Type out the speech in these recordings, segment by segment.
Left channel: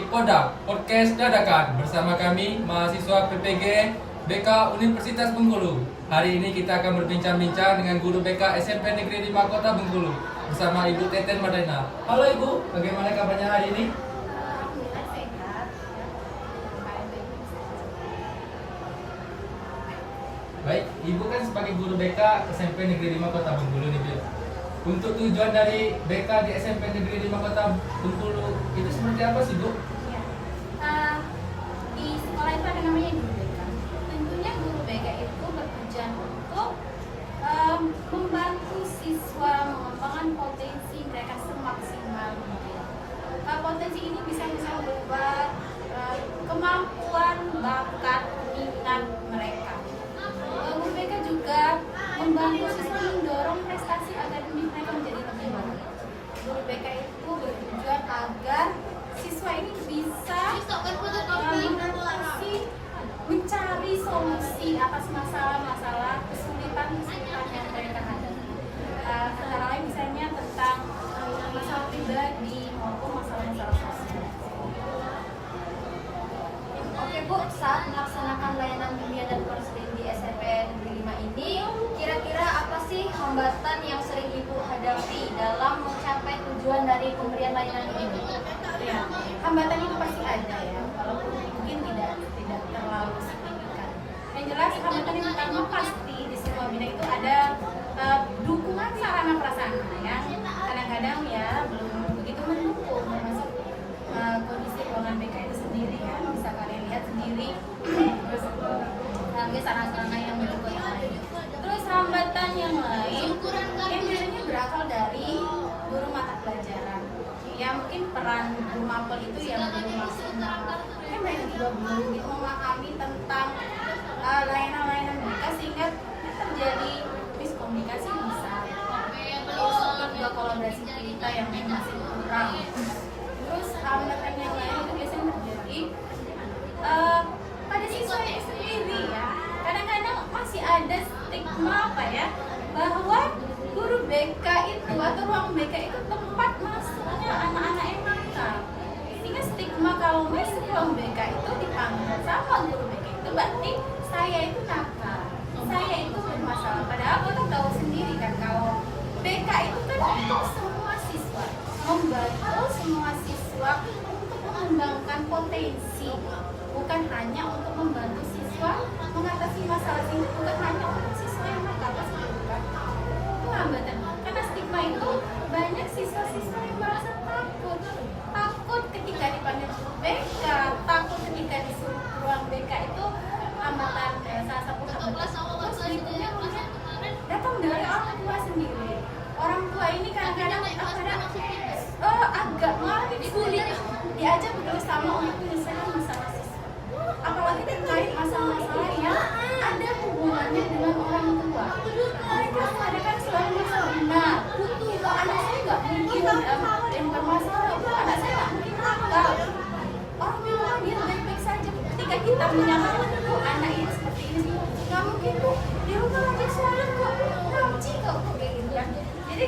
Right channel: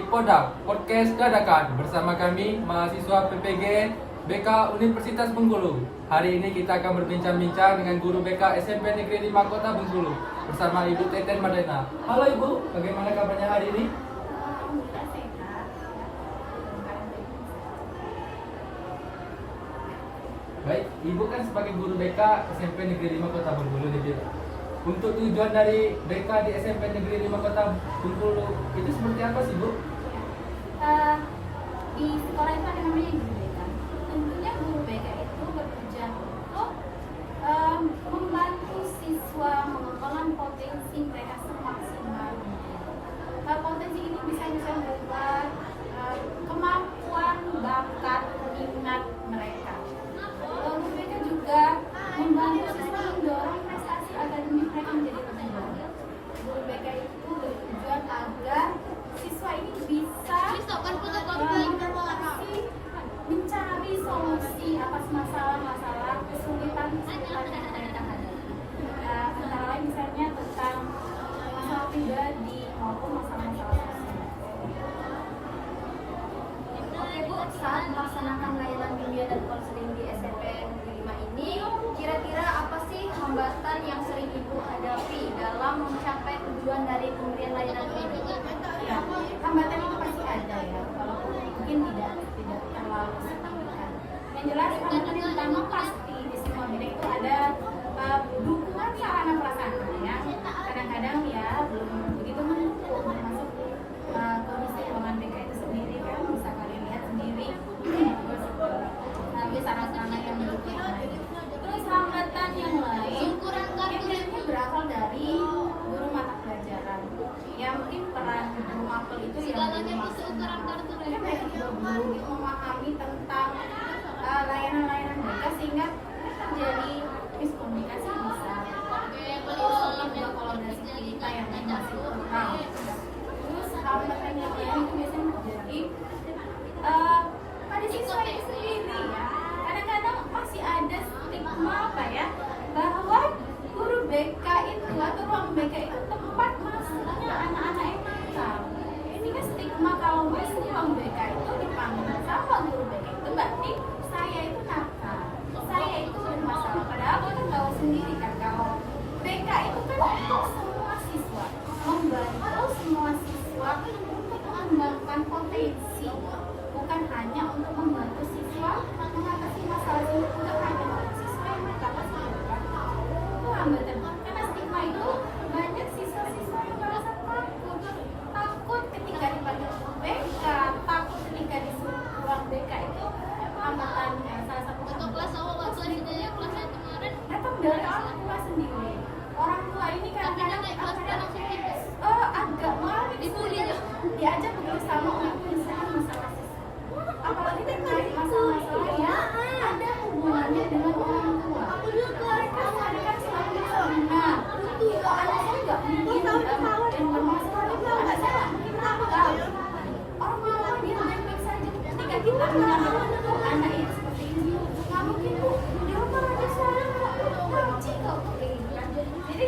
di Podak Podcast Dadakan bersama kami mahasiswa PPG BK Universitas Bengkulu. Hari ini kita akan berbincang-bincang dengan guru BK SMP Negeri 5 Kota Bengkulu bersama Ibu Teten Madena. Halo Ibu, bagaimana kabarnya hari ini? Alhamdulillah sehat. Baik, Ibu kan sebagai guru BK SMP Negeri 5 Kota Bengkulu nih, Bu. Untuk tujuan dari BK di SMP Negeri 5 Kota Bengkulu itu seperti apa sih, Bu? Di sekolah itu ada namanya guru BK. Tentunya guru BK itu bertujuan untuk membantu siswa mengembangkan potensi mereka semaksimal mungkin. Potensi ini bisa berupa kemampuan, bakat, minat mereka. Guru BK juga membantu siswa mendorong prestasi akademik mereka menjadi lebih baik. Guru BK itu bertujuan agar siswa ini bisa mencari solusi atas masalah-masalah kesulitan yang mereka hadapi. Antara lain misalnya tentang masalah pribadi maupun masalah-masalah sosial. Oke Bu, saat melaksanakan layanan kuliah dan konseling di SMP Negeri 5 ini, kira-kira apa sih hambatan yang sering Ibu hadapi dalam mencapai tujuan dari pemberian layanan ini? Ya, hambatan itu pasti ada ya, walaupun mungkin tidak terlalu signifikan. Yang jelas hambatan yang pertama pasti di semua bidang itu ada dukungan sarana prasarana yang kadang-kadang ya belum begitu mendukung, termasuk kondisi ruangan BK itu sendiri kan bisa kalian lihat sendiri. Terus sarana-sarana yang mendukung yang lain. Terus hambatan yang lain yang biasanya berasal dari guru mata pelajaran. Ya mungkin peran guru mapel itu yang belum maksimal. Mungkin mereka juga belum memahami tentang layanan-layanan BK sehingga terjadi miskomunikasi bisa. Terus mungkin juga kolaborasi kita yang masih kurang. Terus hambatan yang lain itu biasanya terjadi pada siswa itu sendiri ya. Kadang-kadang masih ada stigma bahwa guru BK itu atau ruang BK itu tempat masuknya anak-anak yang nakal. Ini kan stigma kalau masuk ruang BK itu dipanggil sama guru BK itu berarti saya itu nakal, saya itu bermasalah. Padahal kita tahu sendiri kan kalau BK itu kan untuk semua siswa, membantu semua siswa untuk mengembangkan potensi, bukan hanya untuk membantu siswa mengatasi masalah ini, bukan hanya untuk siswa yang nakal, pasti bukan. Itu hambatan. Karena stigma itu banyak siswa-siswa yang merasa takut ketika dipanggil BK, takut ketika disuruh ruang BK itu hambatan, salah satu hambatan. Terus berikutnya mungkin datang dari orang tua sendiri. Orang tua ini kadang-kadang agak mengalami kesulitan diajak bekerjasama untuk menyelesaikan masalah siswa. Apalagi terkait masalah-masalah yang ada hubungannya dengan orang tua. Mereka kadang-kadang selalu merasa, kalau anak saya nggak mungkin bermasalah, anak saya nggak mungkin nakal. Orang di rumah dia baik-baik saja. Ketika kita menyatakan, anak ini seperti ini, nggak mungkin Bu, di rumah aja sholat kok, ngaji kok, kayak gitu kan. Jadi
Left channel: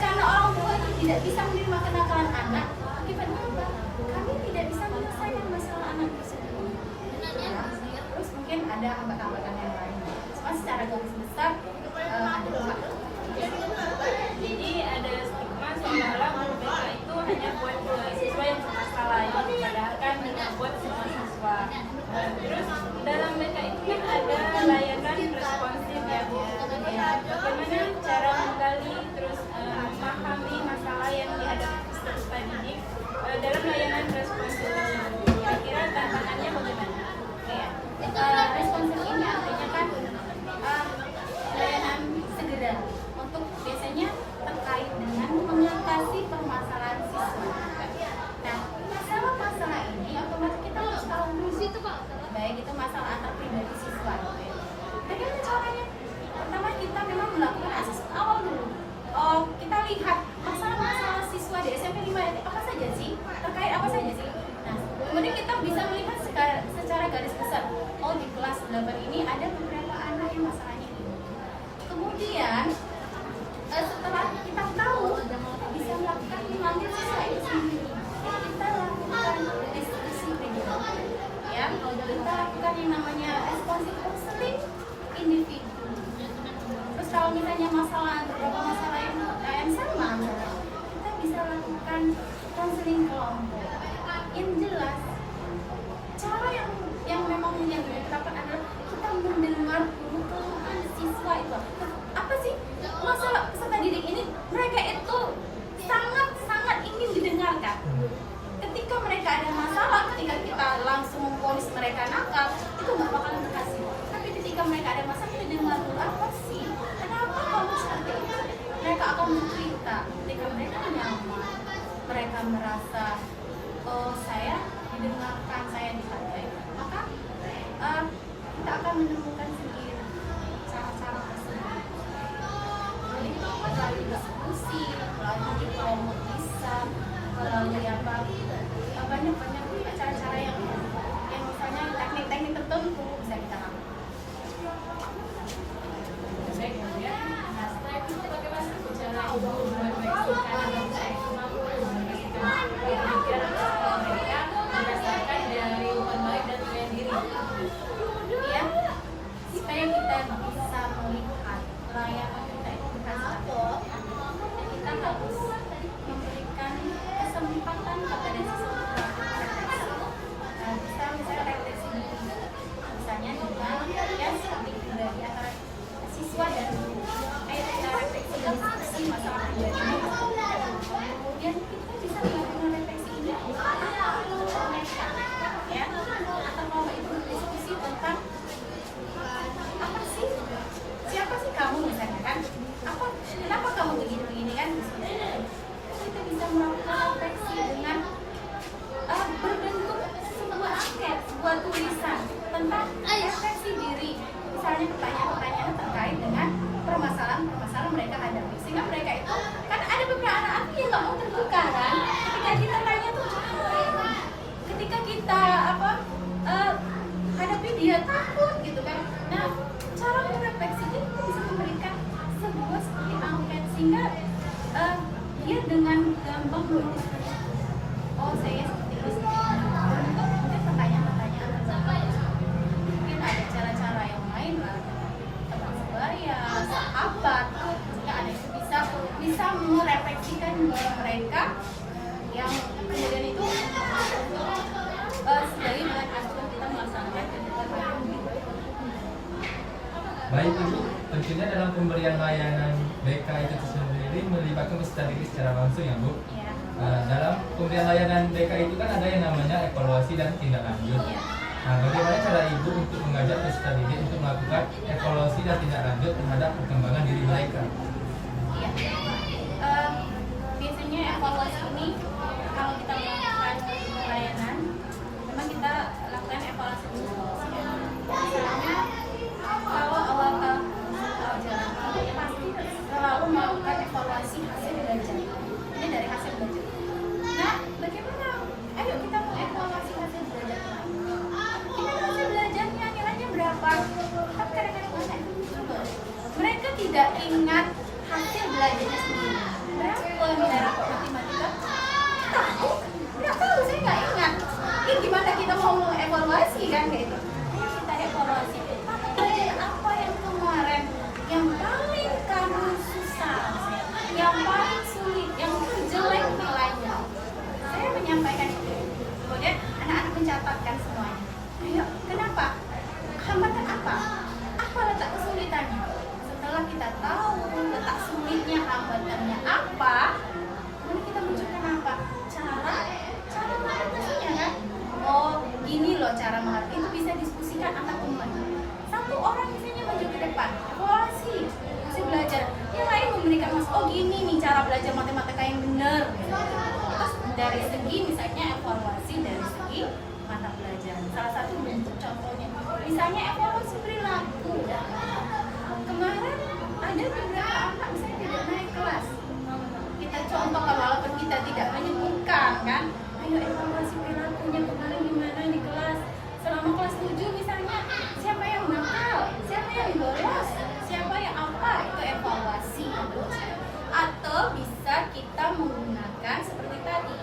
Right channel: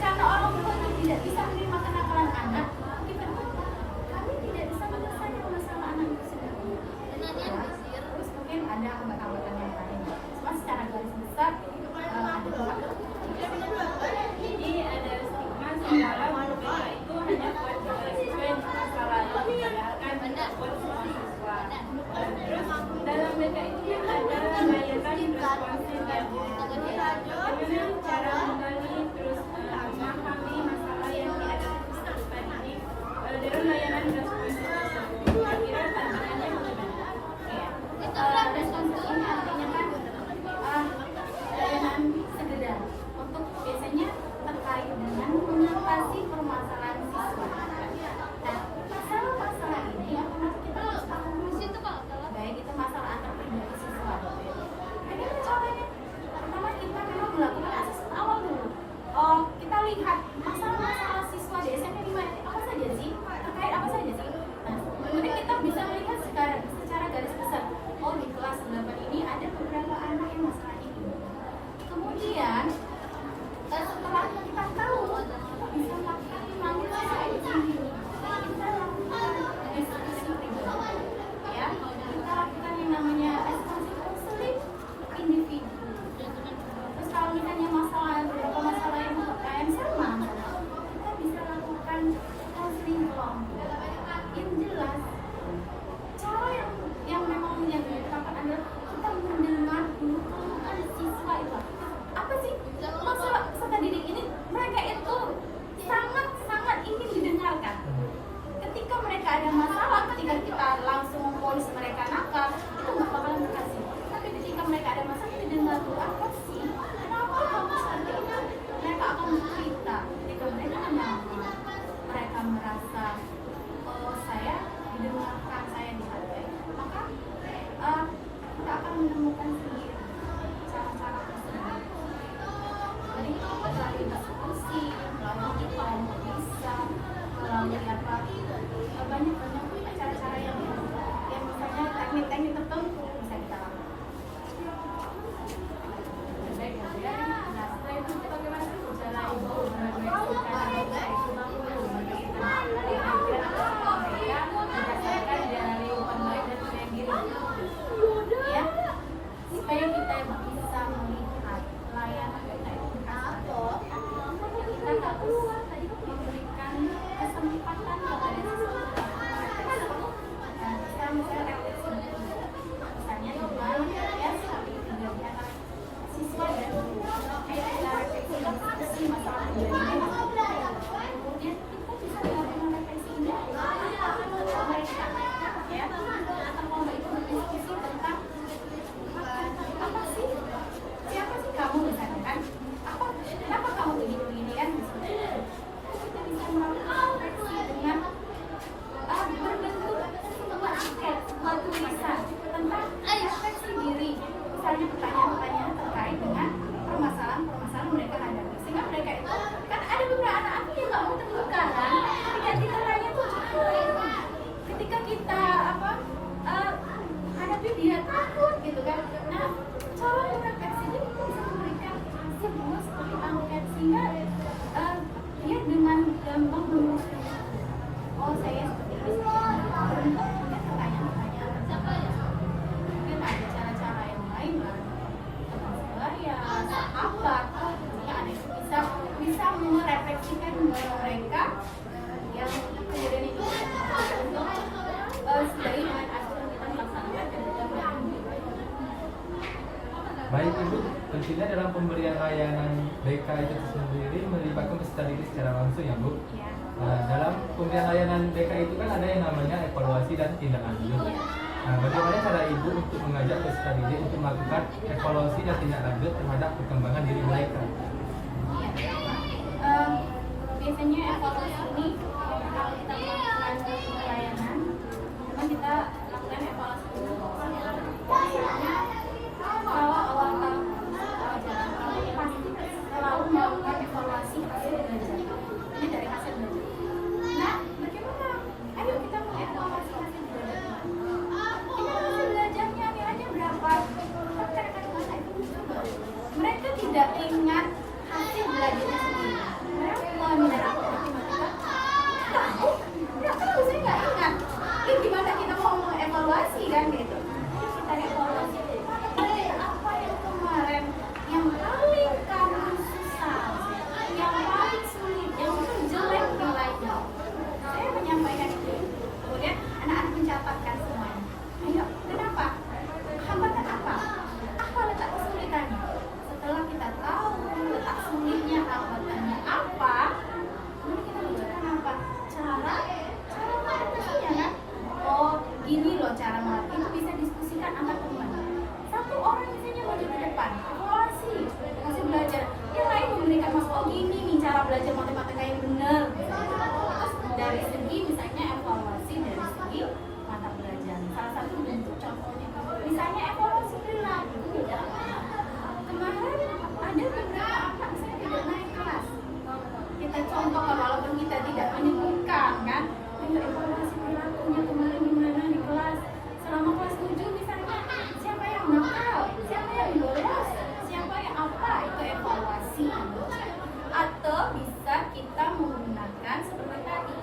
karena orang tua itu tidak bisa menerima kenakalan anak, akibatnya apa? Kami tidak bisa menyelesaikan masalah anak itu sendiri. Ya. Terus mungkin ada hambatan-hambatan yang lain. Cuma secara garis besar ada 4. Jadi ada stigma seolah-olah guru BK itu hanya buat siswa yang bermasalah, padahal kan tidak buat semua siswa. Terus dalam BK itu kan ada layanan responsif ya, bagaimana cara menggali terus memahami masalah yang dihadapi peserta didik dalam layanan responsif tersebut. Kira-kira tantangannya bagaimana? Responsif ini artinya kan layanan segera untuk biasanya terkait dengan mengatasi permasalahan siswa. Nah, masalah-masalah ini otomatis kita harus tahu dulu baik itu masalah antar pribadi siswa. Bagaimana caranya? Pertama kita memang melakukan asesmen awal dulu. Kita lihat masalah-masalah siswa di SMP 5 ini apa saja sih? Terkait apa saja sih? Nah, kemudian kita bisa melihat secara garis besar. Di kelas 8 ini ada beberapa anak yang masalahnya ini. Kemudian setelah akan bercerita ketika mereka nyaman, mereka merasa oh saya didengarkan, saya dihargai, maka kita akan menemukan sendiri cara-cara tersebut. Jadi melalui diskusi, melalui kelompok bisa, melalui banyak cara-cara yang misalnya teknik-teknik tertentu bisa kita lakukan. Baik ya Bu ya. Nah setelah itu bagaimana cara Ibu merefleksikan atau mampu merefleksikan pikiran atau sikap mereka berdasarkan dari umpan balik dan penilaian diri? Ya, supaya kita bisa melihat layanan kita itu berhasil atau tidak, kita harus memberikan kesempatan kepada siswa untuk refleksi. Nah, bisa misalnya refleksi diri, misalnya dengan ya seperti pribadi antara siswa dan guru. Ayo kita refleksi diskusi masalah pribadinya. Kemudian kita bisa melakukan refleksi ini apa mereka, ya, atau mau itu diskusi tentang apa sih, siapa sih kamu misalnya kan, kenapa kamu begini kan, kita bisa melakukan refleksi dengan berbentuk sebuah angket, sebuah tulisan tentang refleksi diri, misalnya pertanyaan-pertanyaan terkait dengan permasalahan-permasalahan mereka hadapi, sehingga mereka itu kan ada beberapa anak-anak yang nggak mau terbuka kan, ketika kita tanya tuh ketika kita hadapi dia takut gitu kan. Nah, cara merefleksi itu kita bisa memberikan sebuah seperti angket sehingga dia dengan gampang menuliskan oh saya seperti ini, untuk mungkin pertanyaan-pertanyaan tertentu. Mungkin ada cara-cara yang lain lah, teman sebaya, sahabat, sehingga ada yang bisa merefleksikan mereka yang kemudian itu untuk seiring dengan acuan kita melaksanakan kegiatan layanan. Baik Ibu, tentunya dalam pemberian layanan BK itu sendiri melibatkan peserta didik secara langsung ya Bu. Ya. Dalam pemberian layanan BK itu kan ada yang namanya evaluasi dan tindak lanjut. Ya. Nah, bagaimana cara Ibu untuk mengajak peserta didik untuk melakukan evaluasi dan tindak lanjut terhadap perkembangan diri mereka? Ya. Biasanya evaluasi ini kalau kita melakukan layanan, memang kita lakukan evaluasi dulu. Ya. Misalnya kalau awal jalan kita pasti selalu melakukan evaluasi hasil belajar. Ini dari hasil belajar. Nah, bagaimana? Ayo kita mengevaluasi hasil belajar. Ini hasil belajarnya nilainya berapa? Tapi kadang-kadang anak itu lucu. Mereka tidak ingat hasil belajarnya sendiri. Berapa nilai rapor matematika? Tahu? Nggak tahu, saya nggak ingat. Ini gimana kita mau mengevaluasi kan gitu? Ayo kita evaluasi. Mata pelajaran apa yang kemarin yang paling kamu susah, yang paling sulit, yang terjelek nilainya? Saya menyampaikan itu. Kemudian anak-anak mencatatkan semuanya. Ayo, kenapa? Hambatan apa? Apa letak kesulitannya? Setelah kita tahu letak sulitnya, hambatannya apa, nanti kita munculkan apa? Cara mengatasinya kan? Oh, gini loh cara mengatasi. Itu bisa diskusikan antar teman. Satu orang misalnya maju ke depan, evaluasi, masih belajar. Yang lain memberikan oh gini nih cara belajar matematika yang benar. Terus dari segi misalnya evaluasi dari segi mata pelajaran. Salah satu bentuk contohnya, misalnya evaluasi perilaku. Kemarin ada beberapa anak misalnya tidak naik kelas. Kita contohkan walaupun kita tidak menyebutkan kan. Ayo evaluasi perilakunya kemarin gimana di kelas. Selama kelas 7 misalnya, siapa yang nakal, siapa yang bolos, siapa yang apa, itu evaluasi. Atau bisa kita menggunakan seperti tadi,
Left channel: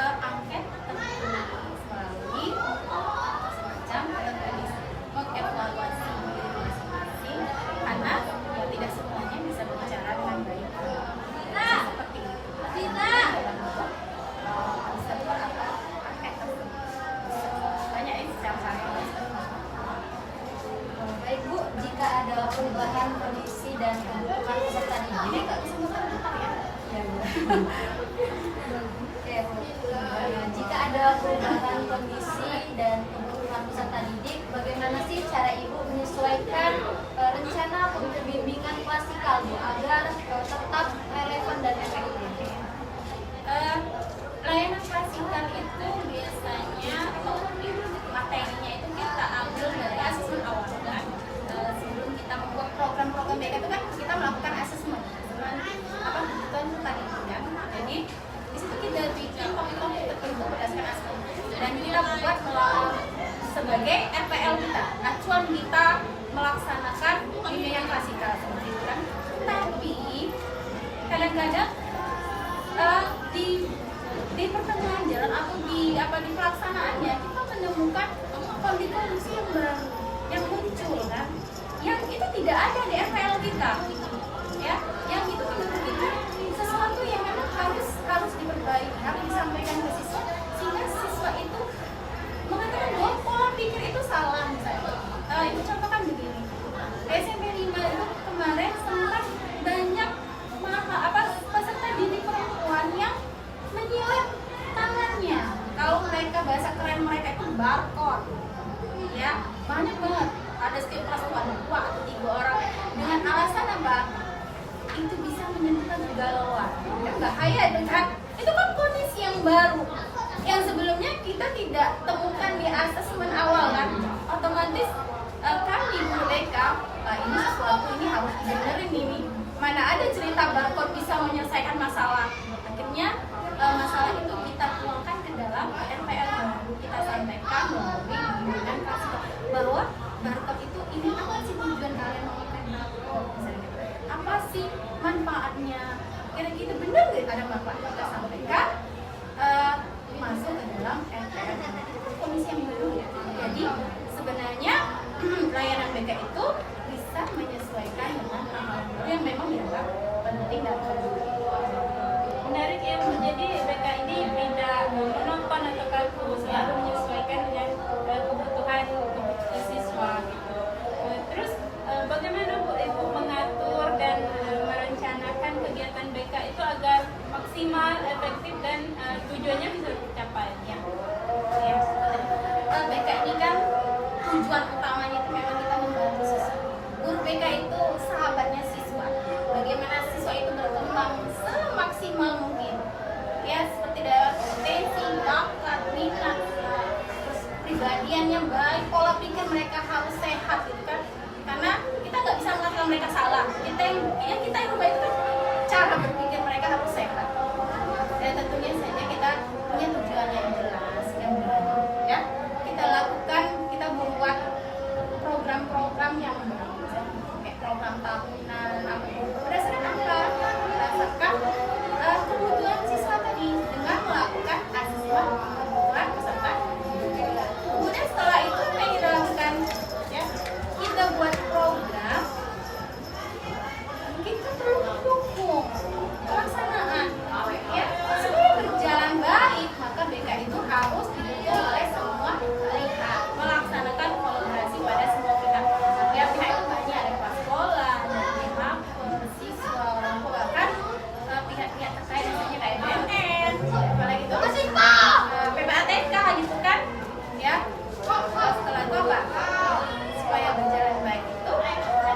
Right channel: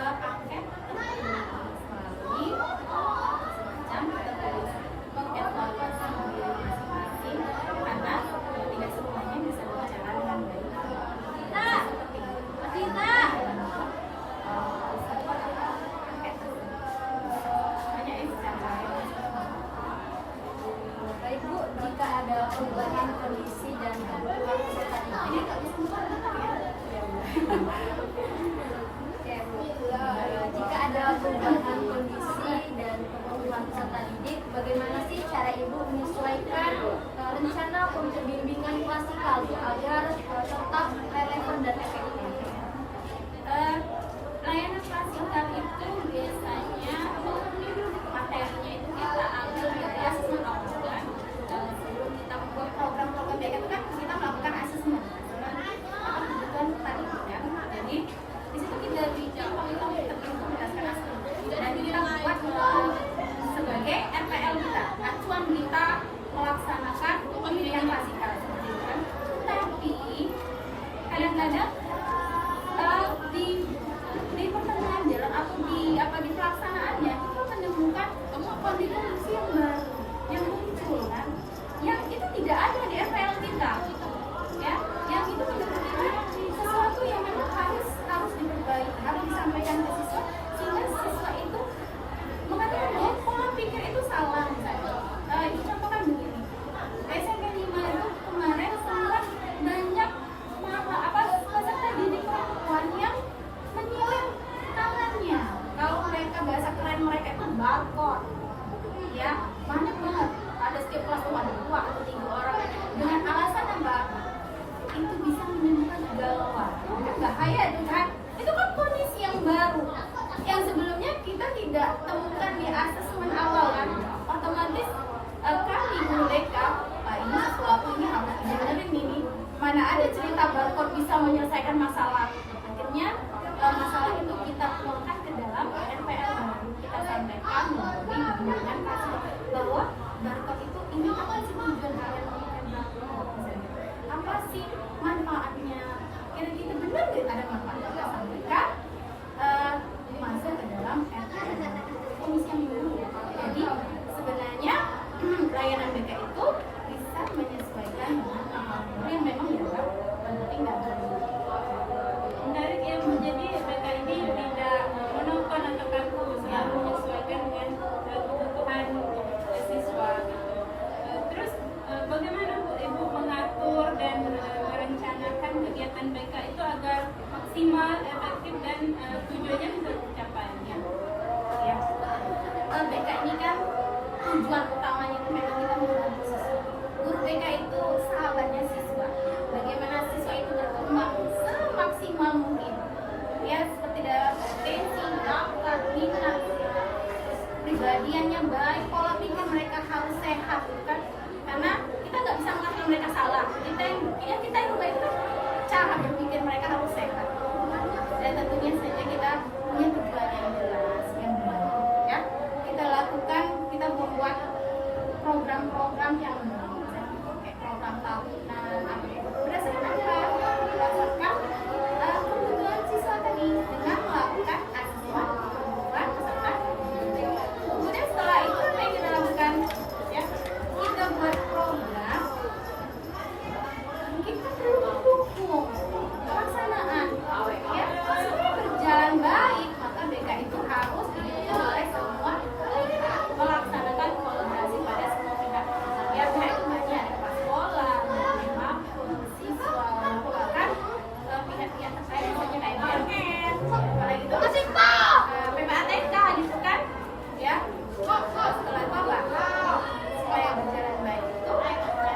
angket tertulis melalui semacam tertulis mengevaluasi diri masing-masing, karena ya tidak semuanya bisa berbicara dengan baik. Seperti itu. Dalam bentuk server atau angket tertulis. Banyak ini cara yang Baik Bu, jika ada perubahan kondisi dan kebutuhan peserta didik, ini nggak bisa muter-muter ya. Oke, Bu. Jika ada perubahan kondisi dan kebutuhan peserta didik, bagaimana sih cara Ibu menyesuaikan rencana pembimbingan klasikal Bu agar tetap kadang-kadang di pertengahan jalan atau di pelaksanaannya kita menemukan kondisi yang baru yang muncul kan, yang itu tidak ada di FPL kita, ya, yang itu menurut kita sesuatu yang memang harus diperbaiki, harus disampaikan ke siswa sehingga siswa itu mengatakan bahwa pola pikir itu salah misalnya. Ibu contohkan begini, SMP 5 itu kemarin sempat banyak peserta didik perempuan yang menyilem tangannya. Kalau mereka bahasa keren mereka itu barcode, ya banyak banget. Ada setiap kelas tuh ada 2 atau 3 orang dengan alasan apa? Itu bisa menimbulkan kegalauan. Bahaya itu kan? Itu kan kondisi yang baru, yang sebelumnya kita tidak temukan di asesmen awal kan. Otomatis kami guru BK, ini sesuatu ini harus dibenerin ini. Mana ada cerita barcode bisa menyelesaikan masalah. Akhirnya masalah itu kita tuangkan ke dalam RPL baru. Kita sampaikan melalui bimbingan kasih bahwa barcode itu ini apa sih tujuan kalian memakai barcode, misalnya gitu. Apa sih manfaatnya? Kira-kira benar nggak ada manfaat? Kita sampaikan masuk ke dalam RPL baru. Itu kondisi yang baru. Jadi sebenarnya layanan BK itu bisa menyesuaikan dengan hal-hal yang memang dianggap penting dan perlu. Menarik ya, jadi BK ini tidak monoton atau kaku, selalu menyesuaikan dengan kebutuhan siswa gitu. Terus bagaimana Bu Ibu mengatur dan merencanakan kegiatan BK itu agar maksimal, efektif dan tujuannya bisa tercapai? Ya, BK ini kan tujuan utamanya itu memang kita membantu siswa. Guru BK itu sahabatnya siswa. Bagaimana siswa itu berkembang semaksimal mungkin. Ya, seperti dalam potensi, bakat, minat, terus pribadiannya baik, pola pikir mereka harus sehat gitu kan. Karena kita nggak bisa mengatakan mereka salah. Kita yang baik itu kan cara berpikir mereka harus sehat. Dan tentunya saja kita punya tujuan yang jelas, yang baik, ya. Kita lakukan, kita membuat program-program yang kayak program tahunan, apa itu berdasarkan apa? Berdasarkan kebutuhan siswa tadi dengan melakukan asesmen kebutuhan peserta. Kemudian setelah itu apa yang kita lakukan? Ya, kita buat program. Kita perlu mendukung pelaksanaan, ya, supaya berjalan baik. Maka BK itu harus didukung oleh semua pihak, melaksanakan kolaborasi pada semua pihak. Ya, pihak itu banyak, ada kepala sekolah, dari mapes, siswa, orang tua, bahkan pihak-pihak terkait misalnya kayak BNN, apalagi itu PPATK gitu kan, ya. Setelah itu apa? Supaya berjalan baik itu,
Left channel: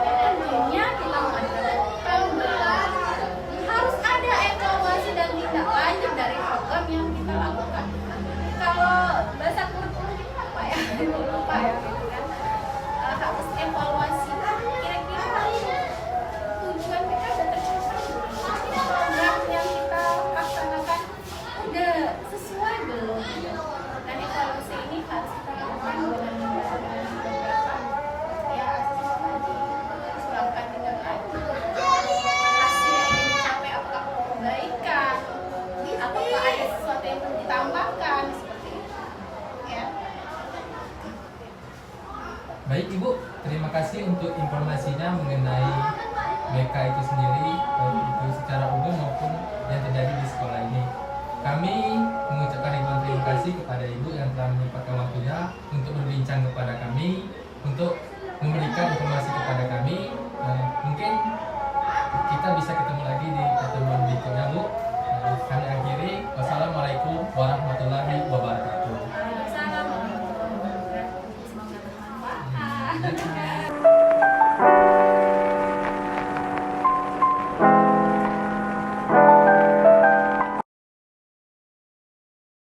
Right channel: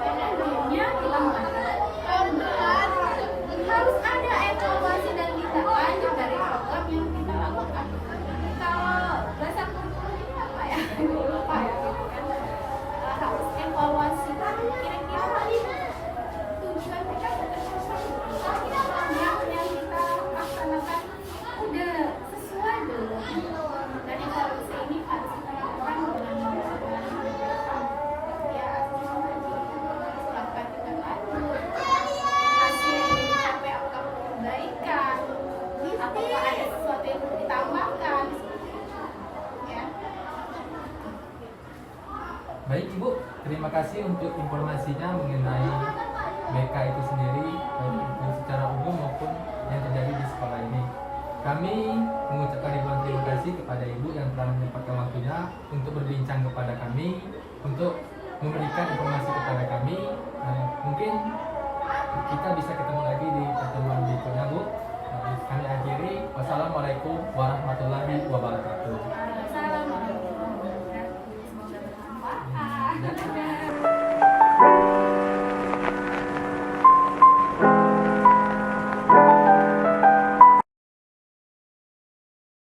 tentunya kita mengadakan harus ada evaluasi dan tindak lanjut dari program yang kita lakukan. Kalau bahasa kurikulum ini apa ya? Lupa ya gitu kan. Harus evaluasi. Kira-kira tujuan kita sudah tercapai. Program yang kita laksanakan udah sesuai belum? Dan evaluasi ini harus kita lakukan dengan beberapa ya asesmen tadi, melakukan tindak lanjut. Hasil yang ingin dicapai apakah perbaikan, apakah ada sesuatu yang perlu ditambahkan seperti itu, ya. Baik Ibu, terima kasih untuk informasinya mengenai BK itu sendiri, baik itu secara umum maupun yang terjadi di sekolah ini. Kami mengucapkan ribuan terima kasih kepada Ibu yang telah menyempatkan waktunya untuk berbincang kepada kami, untuk memberikan informasi kepada kami. Mungkin kita bisa ketemu lagi di pertemuan berikutnya Bu. Kami akhiri, wassalamualaikum warahmatullahi